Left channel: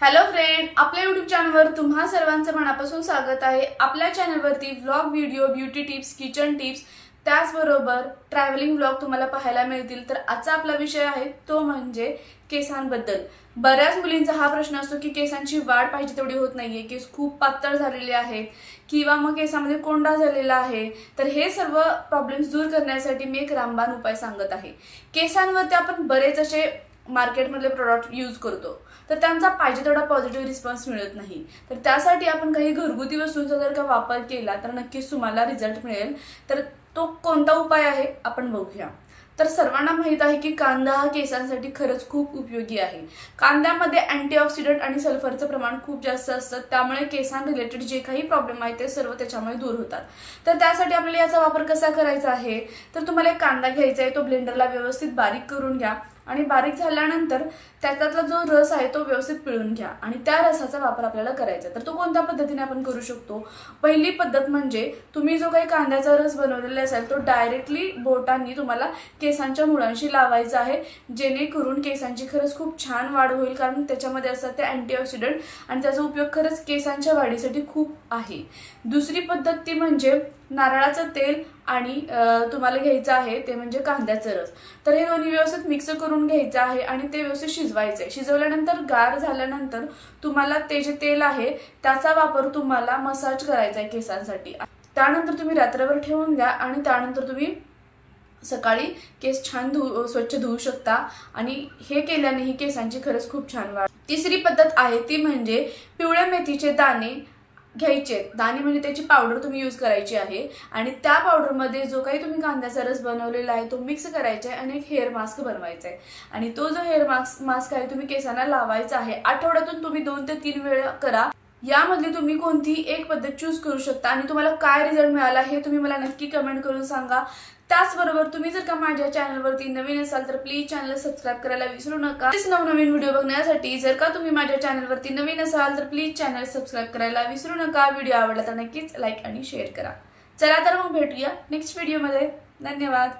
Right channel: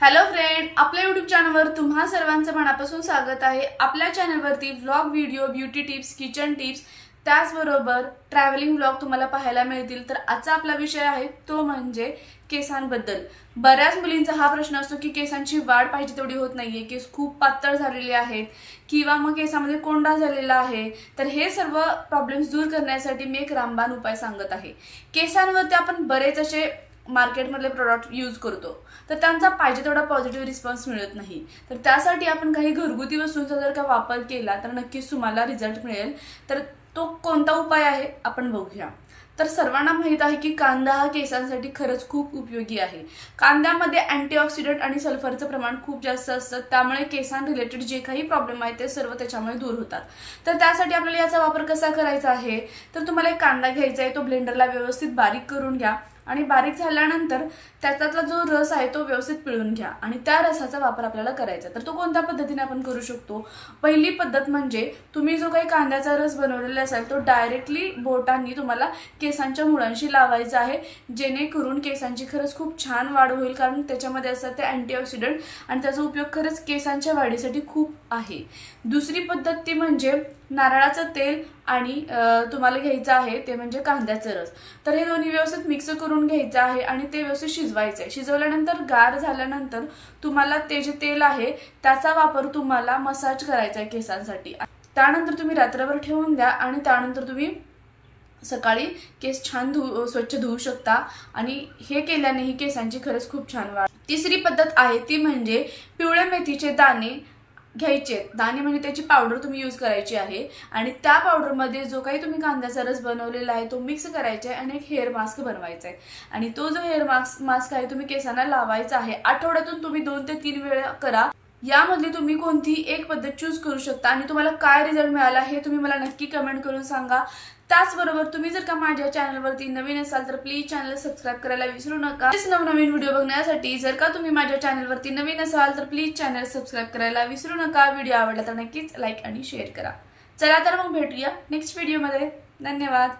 Hello friend आपल्या YouTube चॅनलवर तुम्हा सर्वांचं मनापासून स्वागत आहे. आपल्या चॅनलवरती vlog video beauty tips kitchen tips त्याचबरोबर ट्रॅव्हलिंग व्लॉग तुम्हाला पाहायला मिळतील. तर आजचा आपला विषय आहे तो म्हणजे केसांबद्दल. बऱ्याच मुलींचा हा प्रश्न असतो की केसांची वाढ पाहिजे तेवढी होत नाहीये. केस खूप पातळ झालेले आहेत किंवा मग केसामध्ये कोंडा झालेला आहे. तर हे सर्व प्रॉब्लेम्स दूर करण्यासाठी मी एक रामबाण उपाय सांगत आहे. केसांवरती आपण बरेच असे मार्केटमधले प्रोडक्ट यूज करतो. तर त्यांचा पाहिजे तेवढा पॉझिटिव्ह रिस्पॉन्स मिळत नाही. तर त्यासाठी आपण काही घरगुती वस्तूंचा जर का वापर केला तर नक्कीच तुम्हाला रिझल्ट मिळेल. तर तो कोणता उपाय आहे आपण बघूया. तर सर्वांना माहीत आहे की कांदा हा केसांसाठी खरंच खूप उपयोगी आहे. कांद्यामध्ये अँटीऑक्सिडंट आणि सल्फरचं प्रमाण खूप जास्त असतं. त्यामुळे केसां रिलेटेड जे काही प्रॉब्लेम आहेत ते सर्व त्याच्यामुळे दूर होतात. तर त्यासाठी आपल्याला याचा वापर कसा करायचा आहे? तर तुम्हाला एक कांदा घ्यायचा आहे तो ब्लेंडरला व्यवस्थित बारीक करून घ्या. आणि बारीक झाल्यानंतर त्याच्यातला जो रस आहे तो व्यवस्थित पिळून घ्या. आणि त्या रसाचा वापर आपल्याला करायचा तर तो कोणत्या पद्धतीने आपण करू शकतो? पहिली पद्धत म्हणजे तुम्ही जो काही कांद्याचा रस बनवलेला असेल तो डायरेक्टली बोटांनी तुम्हाला केसांच्या मुळांशी लावायचा आहे. जेणेकरून केसांची खरंच खूप छान वाढ होईल कारण त्याच्यामध्ये असतात ते अँटीऑक्सिडंट आणि त्याचा उपयोग खरंच केसांच्या वाढीसाठी खूप आहे. दुसरी पद्धत ती म्हणजे नारळाचं तेल आणि तुम्हाला घ्यायचं आहे ते म्हणजे कांद्याचं रस. तर हे दोन्ही व्यवस्थित मिक्स करून घ्यायचं आहे आणि ते व्यवस्थित शिजवायचं आहे शिजवल्यानंतर गार झाल्यानंतर तुम्हाला ते जे तेल आहे त्याचा वापर तुम्हाला मसाज करायचा आहे केसांसाठी. त्यानंतर तुम्ही रात्रभर ठेवून द्या आणि त्यानंतर तुम्ही सकाळी केस छान धु स्वच्छ धुवू शकता. आणि हे केल्यानेही केसांची खरंच खूप छान वाढ. तिसरी पद्धत आहे ती म्हणजे पिवळ्या मेथीचे दाणे घ्यायचे. दाणे म्हणजे त्याची पावडर तुम्ही यूज करायची आहे. आणि त्या पावडरमध्ये जो काही तुम्ही कांद्याचा रस बनवलेला आहे तो मिक्स करायचा आहे आणि एक हेअर मास्क बनवायचा आहे. आणि तो जो हेअर मास्क मास्क आहे तुम्ही केसांना लावायचा आहे. आठवड्यातून तुम्ही दोन ते तीन वेळा करा. यामधली तुम्ही कोणतीही एक पद्धत चूज करू शकता आणि तुम्हाला काय रिझल्ट मिळाला हे तुम्ही मला नक्की कमेंट करून सांगा. त्याचबरोबर तुम्ही जर का माझ्या चॅनलवरती नवीन असाल तर प्लीज चॅनल सबस्क्राईब करायला विसरू नका. नवनवीन व्हिडिओ बघण्यासाठी जर का तुम्ही माझ्या चॅनलवरती नवीन असाल तर प्लीज चॅनल सबस्क्राईब करायला विसरू नका. व्हिडिओ आवडला तर नक्कीच लाईक आणि शेअर करा. चला तर मग भेटूया नेक्स्ट व्हिडिओमध्ये धन्यवाद.